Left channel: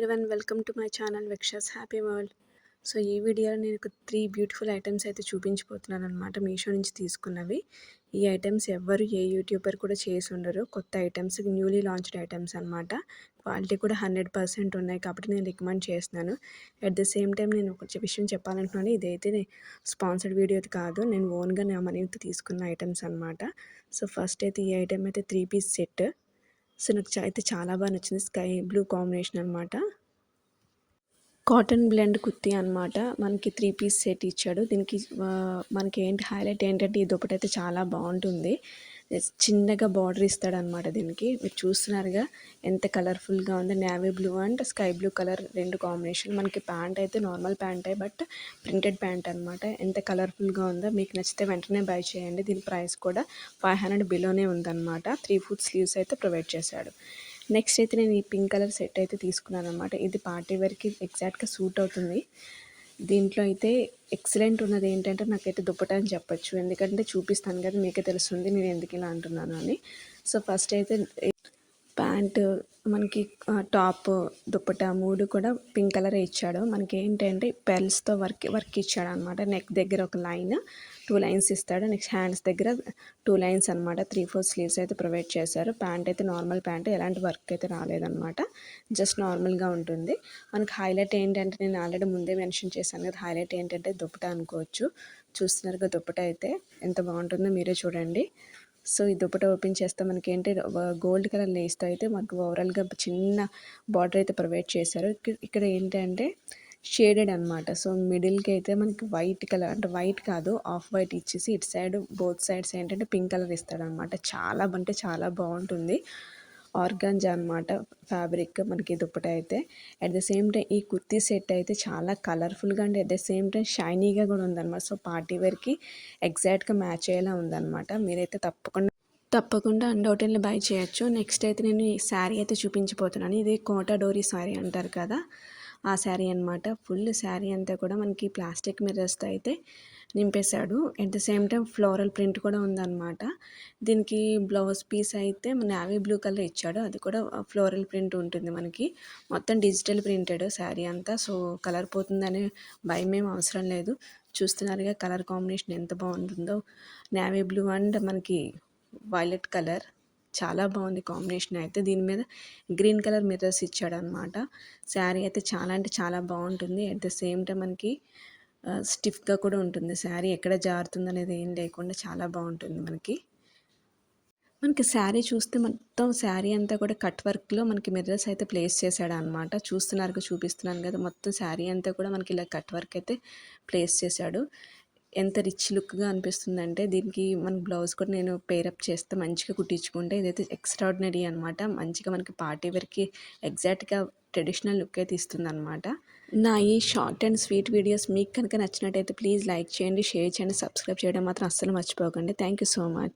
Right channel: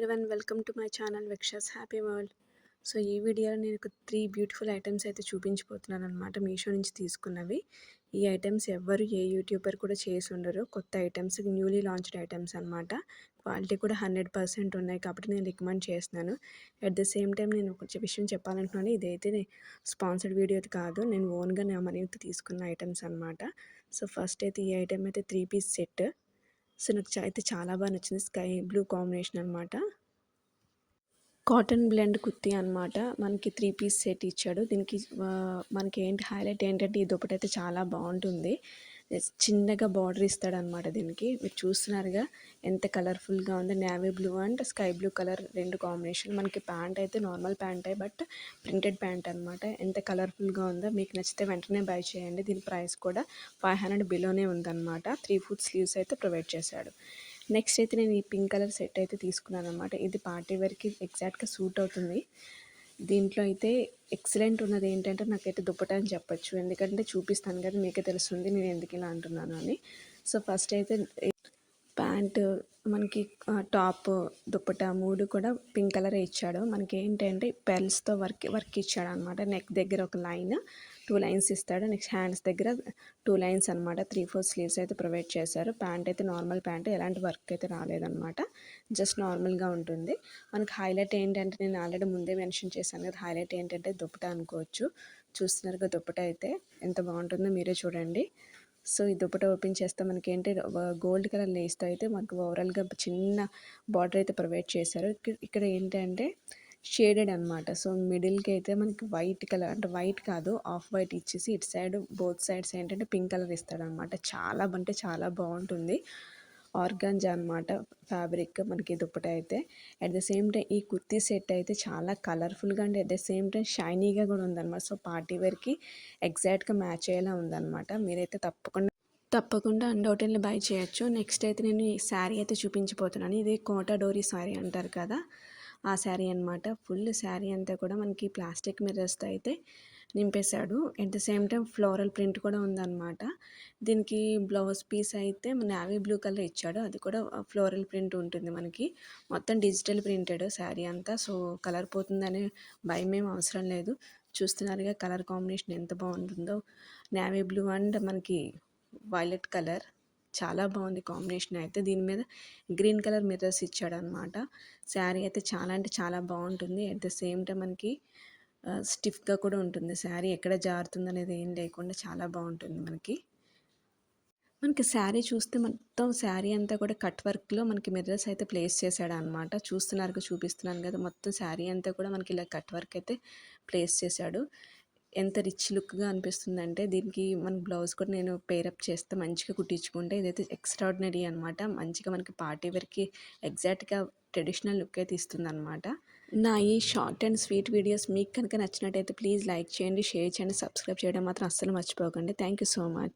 Everyone, welcome to my channel విక్షస్ happy world. So ఈ వీడియోలో నేను ఒక 3 బ్యూటిఫుల్ ఐటమ్స్ అయితే చూపించబోతున్నాను అనమాట. మీషో నుంచి తీసుకున్నవి. ఈ ఐటమ్స్ ఎవ్వరు ఏ యూట్యూబర్ కూడా చేసి ఉండరు. కొత్త ఐటమ్స్, న్యూలీ లాంచ్డ్ ఐటమ్స్ అనమాట. క్వాలిటీ కూడా 100% ఉన్నాయి కాబట్టి నేను రికమెండ్ చేస్తున్నాను. అట్ ద సేమ్ టైం నేను ఒక విషయం చెప్పాలనుకున్నాను. ఇదైతే స్పాన్సర్డ్ వీడియో కాదు, నేను ఓన్గా నా మనీతో తీసుకున్న ఐటమ్స్ అనమాట. సో ఫస్ట్ అయితే ఈ ఐటమ్ అయితే 3 పీస్ సెట్. సో నాకు అయితే చాలా బాగా నచ్చింది. స్కై బ్లూ కాంబినేషన్ అనమాట. కాటన్ బ్లెండ్ కుర్తీ అనమాట. మనకి 3 పీస్ సెట్ ఇచ్చాడు. దీనికి మనకి హైలైట్ ఏంటంటే ఈ దుపట్టయితే చాలా బాగుంటుంది. చిన్నగా బార్డర్ ఇస్తాడనమాట. దీనికి మీరు చూస్తున్నారుగా ఎంత కలర్ఫుల్గా ఉంది. Navy blue and sky blue colour 2 combination. మనకి ప్యాంట్ అయితే నార్మల్ ప్యాంటే, బట్ ప్రింటెడ్ ప్యాంట్ అనమాట. ఎంత కలర్ఫుల్గా ఉందో. మీకు నచ్చితే వెంటనే బై చేయండి. దీని ప్రైస్ కూడా 500 బిలోనే ఉందన్నమాట. 3 ఫుట్ స్లీవ్స్ అయితే ప్రొవైడ్ చేశాడు. నెక్స్ట్ అయితే నేను ఈ పింక్ కలర్ సెట్ అయితే తీసుకున్నాను అనమాట. ఇది పార్టీ వేర్కి ఎగ్జాక్ట్గా సూట్ అవుతుంది. దీంట్లో అయితే ఎక్సలెంట్ ఉన్నది ఏంటంటే నాకైతే దుప్పట అని చెప్పొచ్చు. ఎందుకంటే చూపిస్తాను కదా, మీకే తెలుస్తుంది నేను ఎందుకు ఇలా అంటున్నాను అని. సో ఫస్ట్ అయితే ప్యాంటు, మనకి టాప్, దుప్పట 3 కూడా పింక్ కలరే ఇచ్చాడు. మనకి ఏంటంటే పెర్ల్స్తో వర్క్ ఇచ్చాడు అనమాట. నెక్ దగ్గర ఒక లైన్, 2 లైన్స్ ఇస్తాడు. నెక్స్ట్ హ్యాండ్స్ దగ్గర 2 లైన్స్ అనమాట. 3/4 స్లీవ్స్ అయితే ప్రొవైడ్ చేశారు. ప్యాంట్ అయితే నార్మల్ ప్యాంట్, ఎలాంటి వర్క్ అయితే రాలేదన్నమాట. జస్ట్ నార్మల్గా ఉంటుంది. మనకి హైలైట్ ఏంటంటే నేను ఆల్రెడీ ముందే మెన్షన్ చేశాను కదా, హైలైట్ ఏంటంటే దుప్పట అనుకోవచ్చు. చూస్తున్నారుగా దుప్పట అయితే ఎంత బాగుంటుందో మీరే చూడండి. సో ఈ దుపట్టా ఓపెన్ చేస్తే మనకి ఏంటి గోల్డ్ కలర్ లేస్తో అయితే మనకు ఓవరాల్గా చిన్న బార్డర్ అయితే ప్రొవైడ్ చేశారు. ఇక్కడ ఏంటంటే షేడెడ్ అనమాట. సో మిడిల్కి అయితే మనకి వైట్ కలర్, అంటే వైట్ కాదు ఆఫ్ వైట్ ఇచ్చేసి ఇటు సైడ్ బోత్ సైడ్స్ ఏంటంటే పింక్ కలర్ ఇస్తాడనమాట. చాలా అంటే చాలా బాగుంటుంది. ఆర్గాంజా అనమాట ఫ్యాబ్రిక్ మనకి దుప్పట అయితే. అట్ ద సేమ్ టైం ఈ కుర్తీ సెట్ అయితే చాలా కలర్ఫుల్గా and at the same time షైనీగా కూడా ఉందన్నమాట. సో పార్టీ వేర్కి ఎగ్జాక్ట్గా మ్యాచ్ అయ్యేలా ఉందన్నమాట. మీరైతే తప్పకుండా అన్డౌటెడ్లీ బై చేయొచ్చు. నెక్స్ట్ అయితే నేను ఈ శారీ అయితే చూపించబోతున్నాను. ఇది కోటా డోరీ శారీ అంటారు కదా, ఆ శారీ అనమాట. ఫుల్ శారీ అంతా కూడా మనకి ప్లాస్టిక్ మిర్రర్స్తో అయితే నింపేశాడు. At the same time floral print కూడా ఉందన్నమాట. దీనికి బ్లౌజ్ పీస్ అయితే నేవీ బ్లూ కలర్ ఇచ్చాడు. అది కూడా ఫ్లోరల్ ప్రింట్ ఉంటుంది మనకి. మొత్తం డిజిటల్ ప్రింటెడ్ శారీ అంతా. సో కలర్ పోతుందనే భయం ఏం అవసరం లేదు. చూస్తున్నారుగా కలర్ కాంబినేషన్ ఎంత బాగుంటుందో. నేవీ బ్లూ అండ్ మనకి వైలెట్ కలర్ చాలా బాగుంది కాంబినేషన్ అయితే. దీని మీద గ్రీన్ కలర్ మిర్రర్స్ ఇచ్చాడు అనమాట. శారీ అయితే చాలా అంటే చాలా బాగుంటుంది. అట్ ద సేమ్ టైం మనకి స్టిఫ్గా కూడా ఉంటుంది. శారీ ఎక్కడ జారుతుంది అనేది ఏం లేకుండా చాలా బాగుంటుంది మనకి శారీ చూస్తే మొత్తం శారీ అంతా కూడా కట్ వర్క్లో మనకి మిర్రర్స్ అయితే ప్లేస్ చేశాడు అనమాట. చూపిస్తున్నాను కదా, మొత్తం శారీ అంతా కూడా మనకి ఇలా కట్ వర్క్ అయితే ప్లేస్ చేశాడు. ఎంత రిచ్ లుక్గా అనిపిస్తుందంటే దీనికి మన బ్లౌజ్ కూడా నేను పేరప్ చేస్తే మంచిగా కుట్టించుకుంటే ఇదైతే ఎక్స్ట్రాడినరీ అనమాట. మంచిగా మనకి పార్టీ వేర్కి ఎగ్జాక్ట్గా ట్రెడిషనల్ లుక్ అయితే ఇస్తుంది అనమాట. నా ఈ షార్ట్ అండ్ స్వీట్ వీడియోస్ మీకు కనుక నచ్చినట్టయితే ప్లీజ్ లైక్ చేయండి, షేర్ చేయండి, సబ్స్క్రైబ్ చేయడం మాత్రం అస్సలు మర్చిపోకండి. Thank you so much.